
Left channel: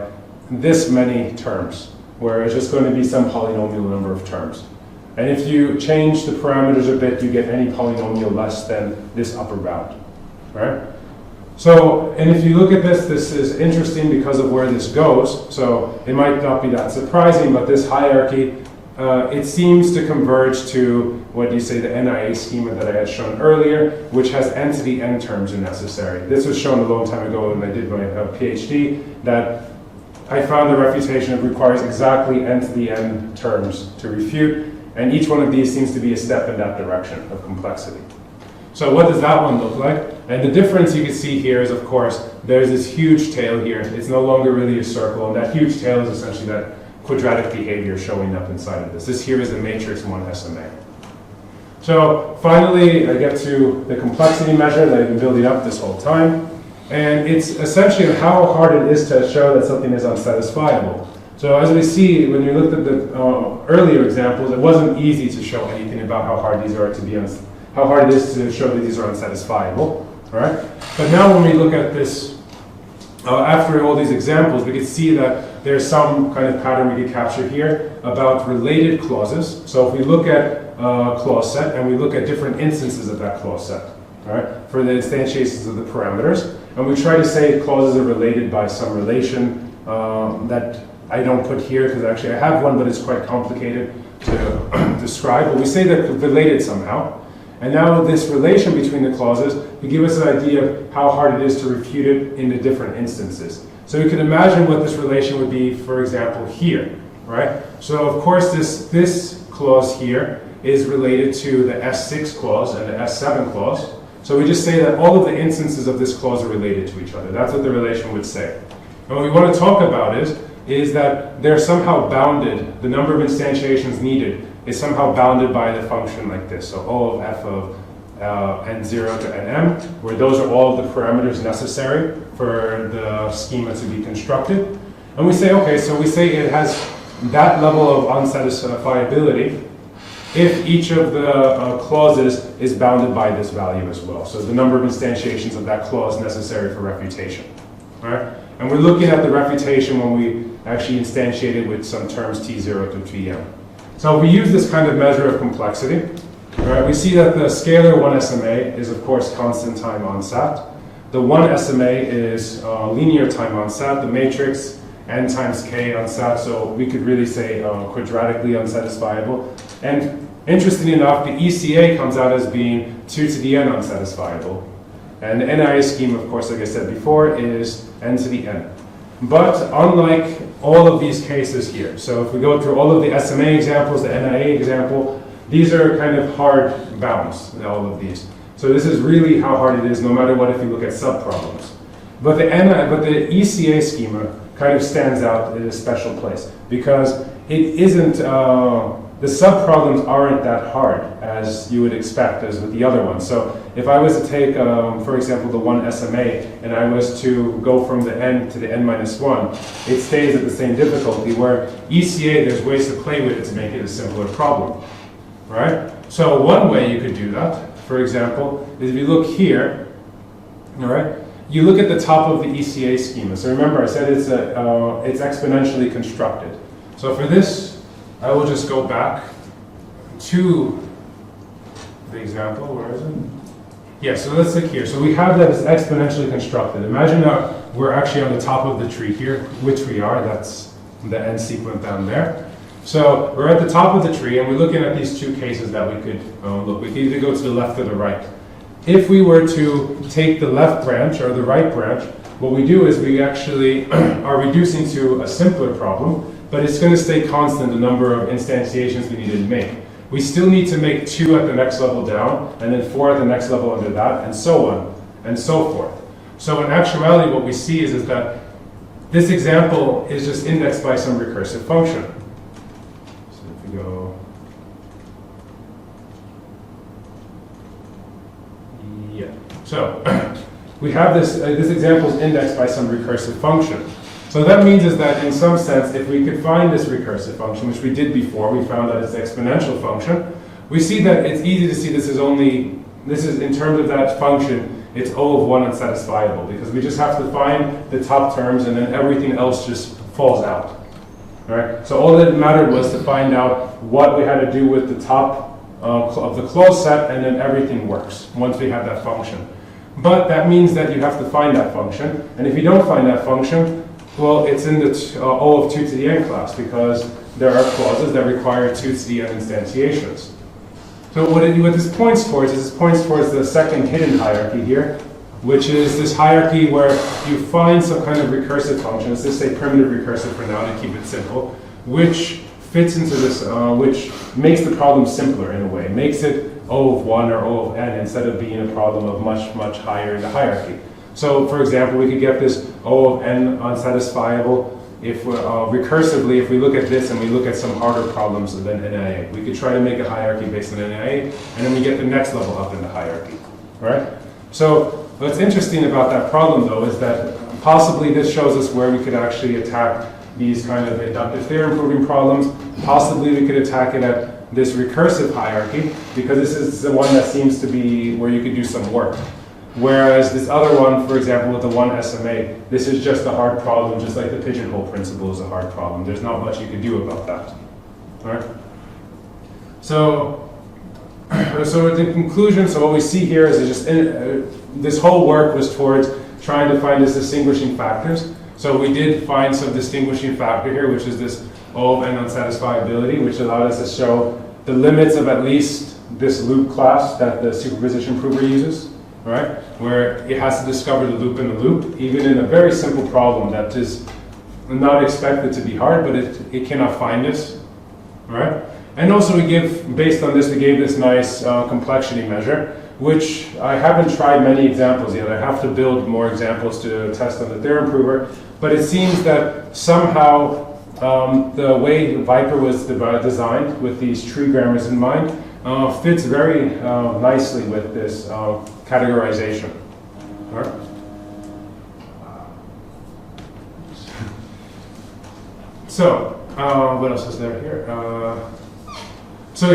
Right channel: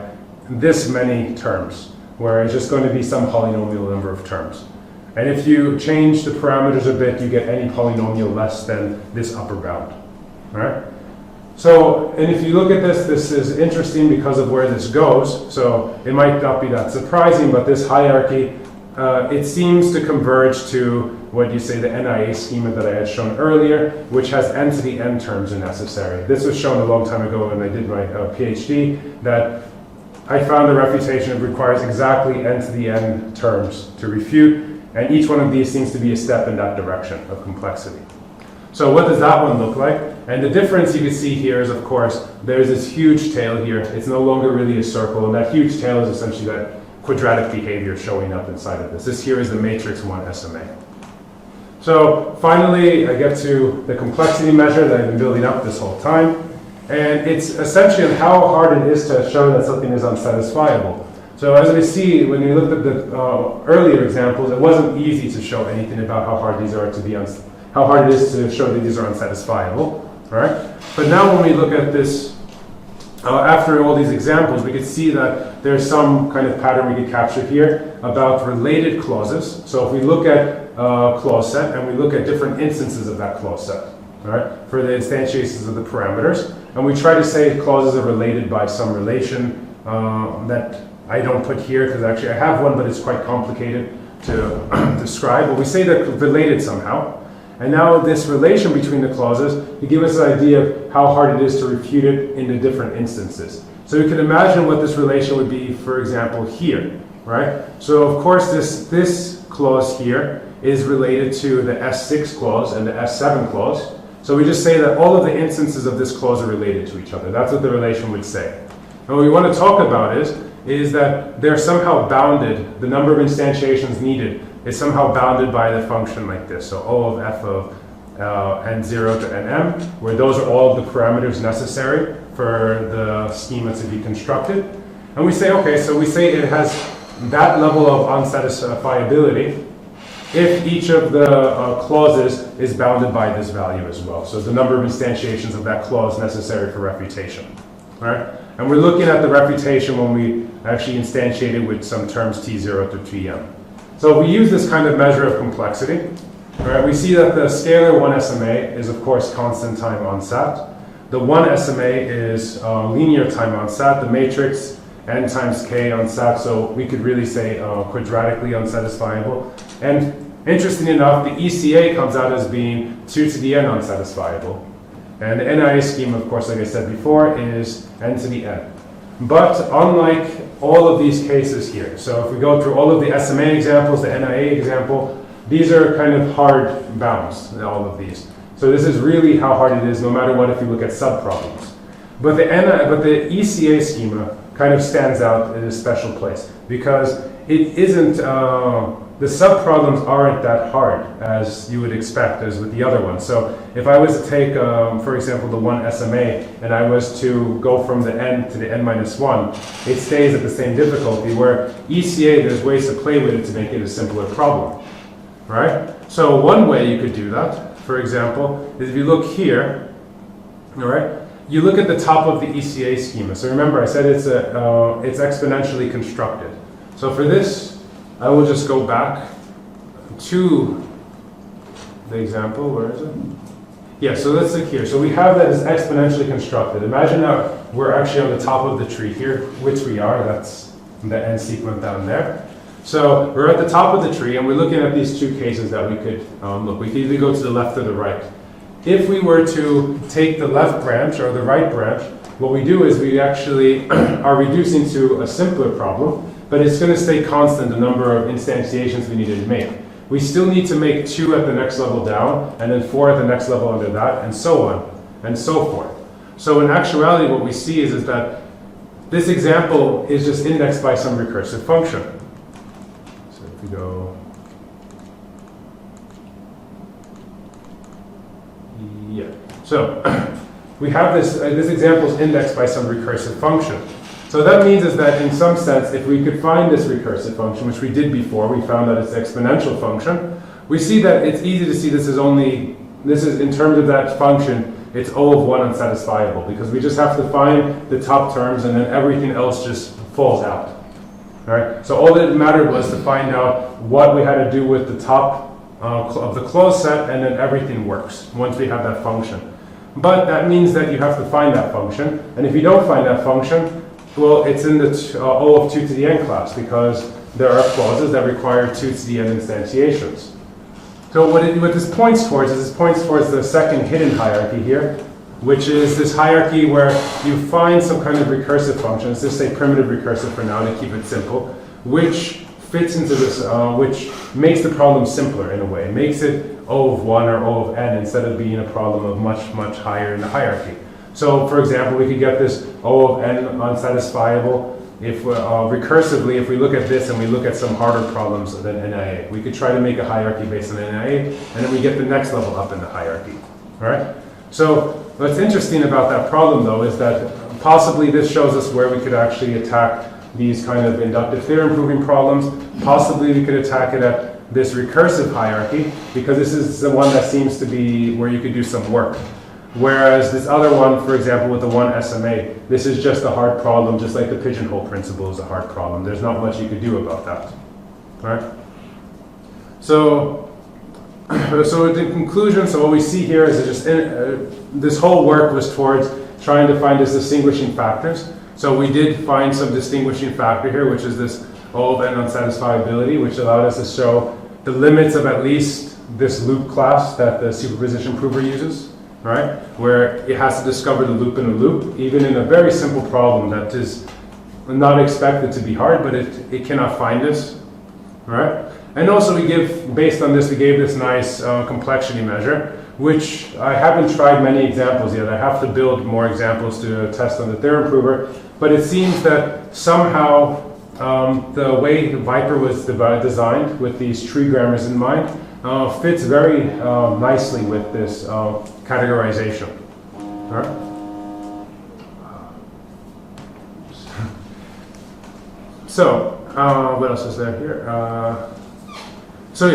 this many terms, where it's just going to be some polynomial number of terms. And if you change the parameters a bit, you get any polynomial less than this upper bound. All right? So, and if you look at this, this is interesting because of where this goes. So it might not be that surprising, but this hierarchy, it seems to converge to what you say the NIA schema that I had shown earlier, which has n to the n terms are necessary. This was shown a long time ago when I did my PhD, that I found the refutation requires exactly n to the n terms to refute, and each one of these seems to be a step in that direction of complexity. So what does that one look like? And the difference you can see here is, of course, there's this huge tail here. It's no longer really a circle, and that huge tail is essentially that quadratic behavior showing up inside of this. This here is the matrix 1 SMA. So finally, I get to the complexity measure that I've been building up this whole time. And it's essentially how hard it is to show that something is unsatisfiable. So as we see, when we looked at the earlier examples, it wasn't easy to show anything about how hard these are to be how hard it is to show that these are unsatisfiable. All right? But now when we look at this, after all these examples, we can see that there's some kind of pattern we can capture here about related clauses. So if we look at a clause set and we look at different instances of that clause set, all right, for the instantiations of the parameters, and we try to say clauses are related by some relation that I don't put here because actually I have one, but it's quite complicated to describe. But we say they're related somehow. And now this relation between the clauses, you give us an idea of how hard it is to refute it in the different instances. So you can imagine what this relation would be, for example, here, right? So of course this clause here is related to the S6 clause and the S7 clause. So we just say that all of the instances of this clause are related to each other. That's what the relation would say. And what we want to talk about is that they're somehow bounded, the number of instantiations needed is somehow bounded by the function like this. So O of f of n0 to nm, where those are all of the parameters necessary for the schema to be constructed. And we say, okay, so we say it has that level of unsatisfiability if each of the clauses is bounded by this value as well. So the number of instantiations of that clause necessary for refutation, right? And we're looking at the refutation when we actually instantiate it with some terms t0 to tm. So if we use this kind of measure of complexity, right, we see that the scalar 1 SMA is, of course, constant time on sat. The 1 SMA is linear time on sat. The matrix n times k on sat, so we could really say quadratically unsatisfiable. And interestingly enough, the ECA comes out as being 2 to the n unsatisfiable. And the NIA scheme, of course, like I said before, is n to the n. But unlike all of these cases here, so if we go through all of the SMA examples, the NIA example, these are kind of hard bounds, all of these. So this is really how hard it is, no matter what, if you look at subproblems. But the ECA schema kind of stands out in a special place because it isn't, the subproblems aren't that hard as you would expect as with the other ones. So if I was to take, for example, the 1 SMA and I was to go from the n to the n minus 1, it stays at the same difficulty, where ECA, there's ways to play with it to make it a simpler problem, right? So one way you could do that, for example, is if you look here, all right, you look at the top of the ECA schema. So remember, I said it's exponentially constructed. So for this, I will just go back to the example. Where is it? Yeah, so let's look here. So we have that as exponentially constructed. Imagine that we're actually on the top of the tree here, which we are. That's the n sequence down there. So we're at the top of the tree, and we're looking at these two cases that we could look. We could either go to the left or the right. If we were to take the left branch or the right branch, what we do is we actually are reducing to a simpler problem, but it's going to stay constant, the number of instantiations we needed to make. We still need to make 2 at the next level down, and then 4 at the next level under that, and so on, and so forth. So in actuality, what we see is that this example is just indexed by some recursive function. So if we go... Yeah. So we have this example is indexed by some recursive function. So that means is that in some sense, if we could find this recursive function, which we did before, we found that it's an exponential function, we see that it's easy to see this is in terms of that function, it's O of 1 unsatisfiable, because we just have to find the top terms and then everything else just falls out. All right? So all that mattered was to find out what we had to do with the top of the closed set, and then everything works once we have that function. But that means that you have to find that function, and if you don't find that function, well, it's in the O of 2 to the n class, because there are clauses that require 2 to the n instantiations. So what this points towards is the second hidden hierarchy here, which is this hierarchy where you find some kind of recursive function, let's just say primitive recursive for now to keep it simple, which fits into this, which makes the problem simpler in a way, makes it O of 1 or O of n instead of being a problem of much, much higher in the hierarchy. So, for example, we could get this O of n unsatisfiable if recursively, if we look at this and we look at some harder problems than NIA. We could try to make a hierarchy based on NIA, and then we get the next level up in the hierarchy. All right? So, what's interesting about that problem, though, is that possibly this shows us where we could actually attack these kind of inductive theorem proving problems. Possibly we could attack it at this recursive hierarchy, because this is the one that seems to be where you could do some work. Whereas this other one, for example, with the 1 SMA, this is just a hard problem, just like the pigeonhole principle is a hard problem. There's not much you could do about that. All right? So the conclusion, so what we see here is just this whole work was towards trying to find these distinguishing factors. So we did find some distinguishing factor here, which is this O of n unsatisfiability, which allowed us to show the limits of at least this loop class that the superposition prover uses. right? Where it has to discover the loop in a loop, even in a very simple problem that is not expected to be hard, but it cannot find it, right? And also we give, based on this, we gave this nice complexity measure, which I haven't tried many examples yet. I have to build more examples to test on the theorem prover, but it seems that somehow the way Viper was designed with these tree grammars in mind fits very nicely with this categorization. All right? So, what else is there here? So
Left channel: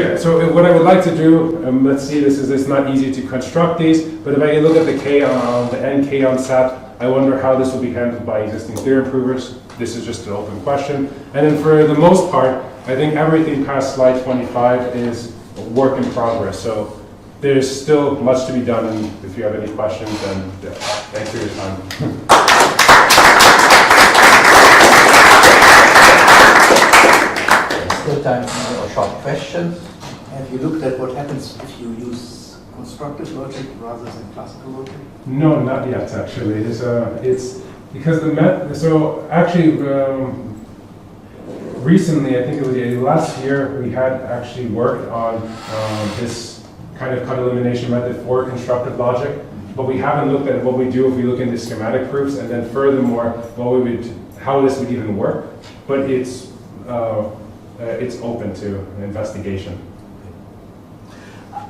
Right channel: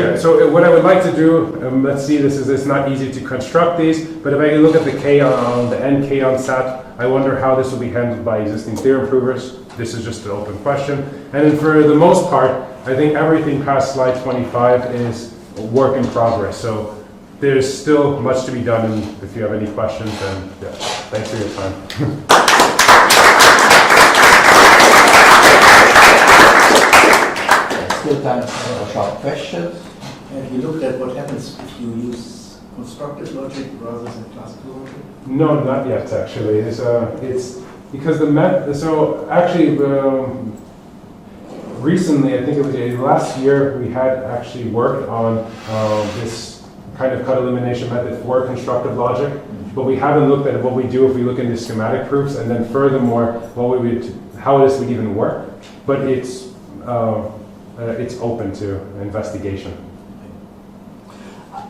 what I would like to do, let's see, it's not easy to construct these, but if I look at the K on the NK on SAT, I wonder how this will be handled by existing theorem provers. This is just an open question. And then for the most part, I think everything past slide 25 is work in progress. So there's still much to be done. And if you have any questions, then yeah, thanks for your time. Still time for short questions. Have you looked at what happens if you use constructive logic rather than classical logic? No, not yet, actually. It's because the method. So actually, recently, I think it was last year, we had actually worked on this kind of cut elimination method for constructive logic, but we haven't looked at what we do if we look into schematic proofs, and then furthermore, how this would even work. But it's open to investigation.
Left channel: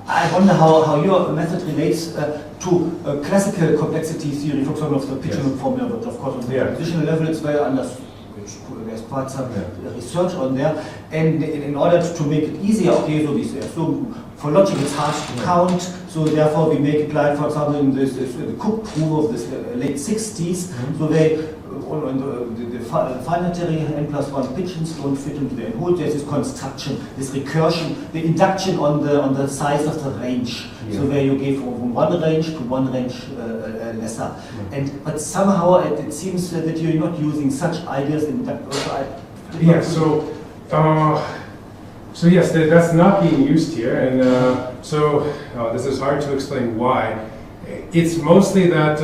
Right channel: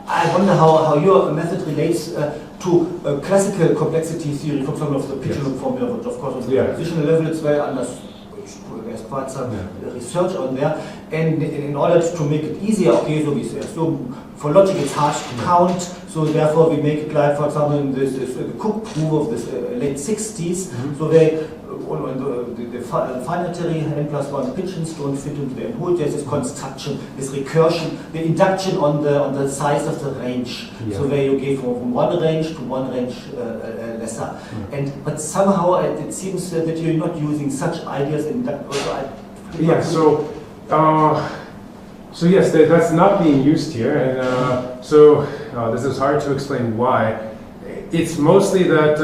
I wonder how your method relates to classical complexity theory, for example, of the Pigeon formula, but of course on the compositional level it's very understood. There's quite some research on there, and in order to make it easier, okay, so we assume for logic it's hard to count, so therefore we make it like, for example, in this the Cook proof of this late 60s, so they the finitary n+1 pigeons don't fit into the n-hole. There's this construction, this recursion, the induction on the size of the range. Yeah. So where you go from one range to one range lesser. Yeah. But somehow it seems that you're not using such ideas in that. So yes, that's not being used here, and this is hard to explain why. It's mostly that.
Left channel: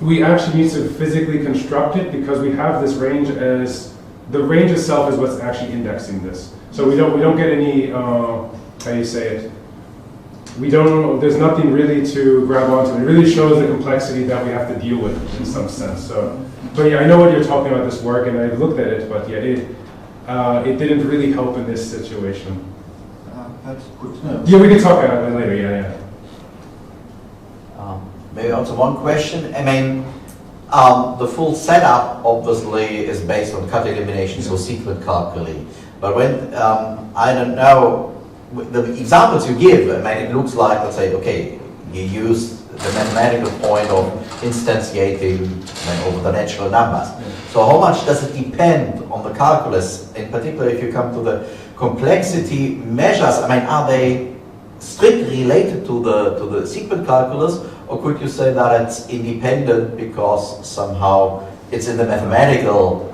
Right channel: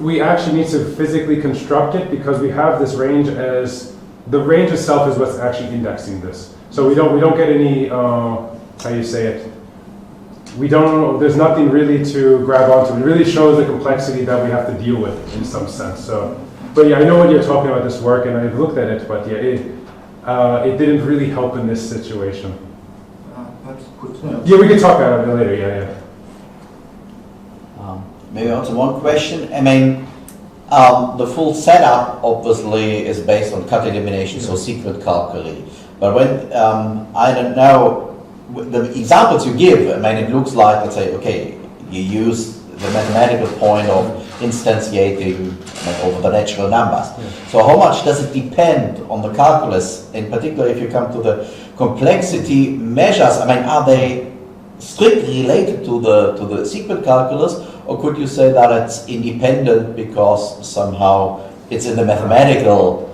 We actually need to physically construct it because we have this range as the range itself is what's actually indexing this. So we don't get any how you say it. We don't. There's nothing really to grab onto. It really shows the complexity that we have to deal with in some sense. So, but yeah, I know what you're talking about this work, and I looked at it, but yeah, it didn't really help in this situation. That's good. Yeah. Yeah, we can talk about it later. Yeah. Maybe also one question. I mean, the full setup obviously is based on cut elimination, so secret calculi. But when I don't know the examples you give, I mean, it looks like, let's say, okay, you use the mathematical point of instantiating over the natural numbers. So how much does it depend on the calculus? In particular, if you come to the complexity measures, I mean, are they strictly related to the secret calculus, or could you say that it's independent because somehow it's in the mathematical?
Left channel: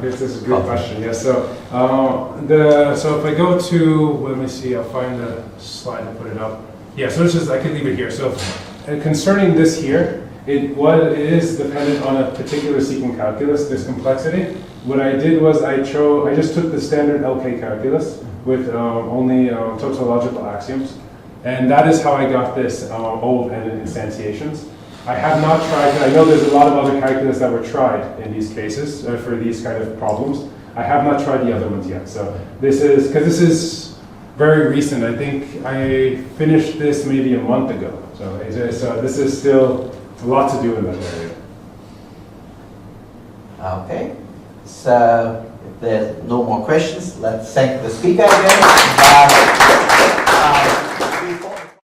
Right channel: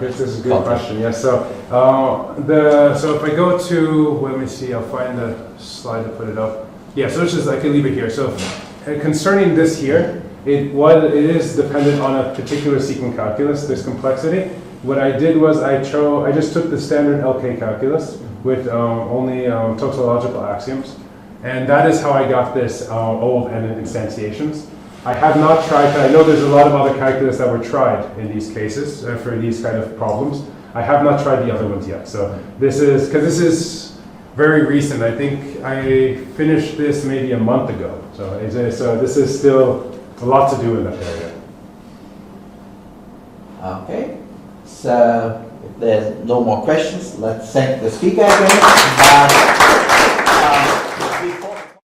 This is a good question. Yeah. So if I go to, let me see, I'll find the slide to put it up. Yeah. So it's just I can leave it here. So concerning this here, it is dependent on a particular sequent calculus. This complexity. What I did was I just took the standard LK calculus with only tautological axioms, and that is how I got this O-dependent instantiations. I have not tried, but I know there's a lot of other calculus that were tried in these cases for these kind of problems. I have not tried the other ones yet. So this is very recent. I think I finished this maybe a month ago. So this is still a lot to do in that area. Okay. So if there's no more questions, let's thank the speaker again.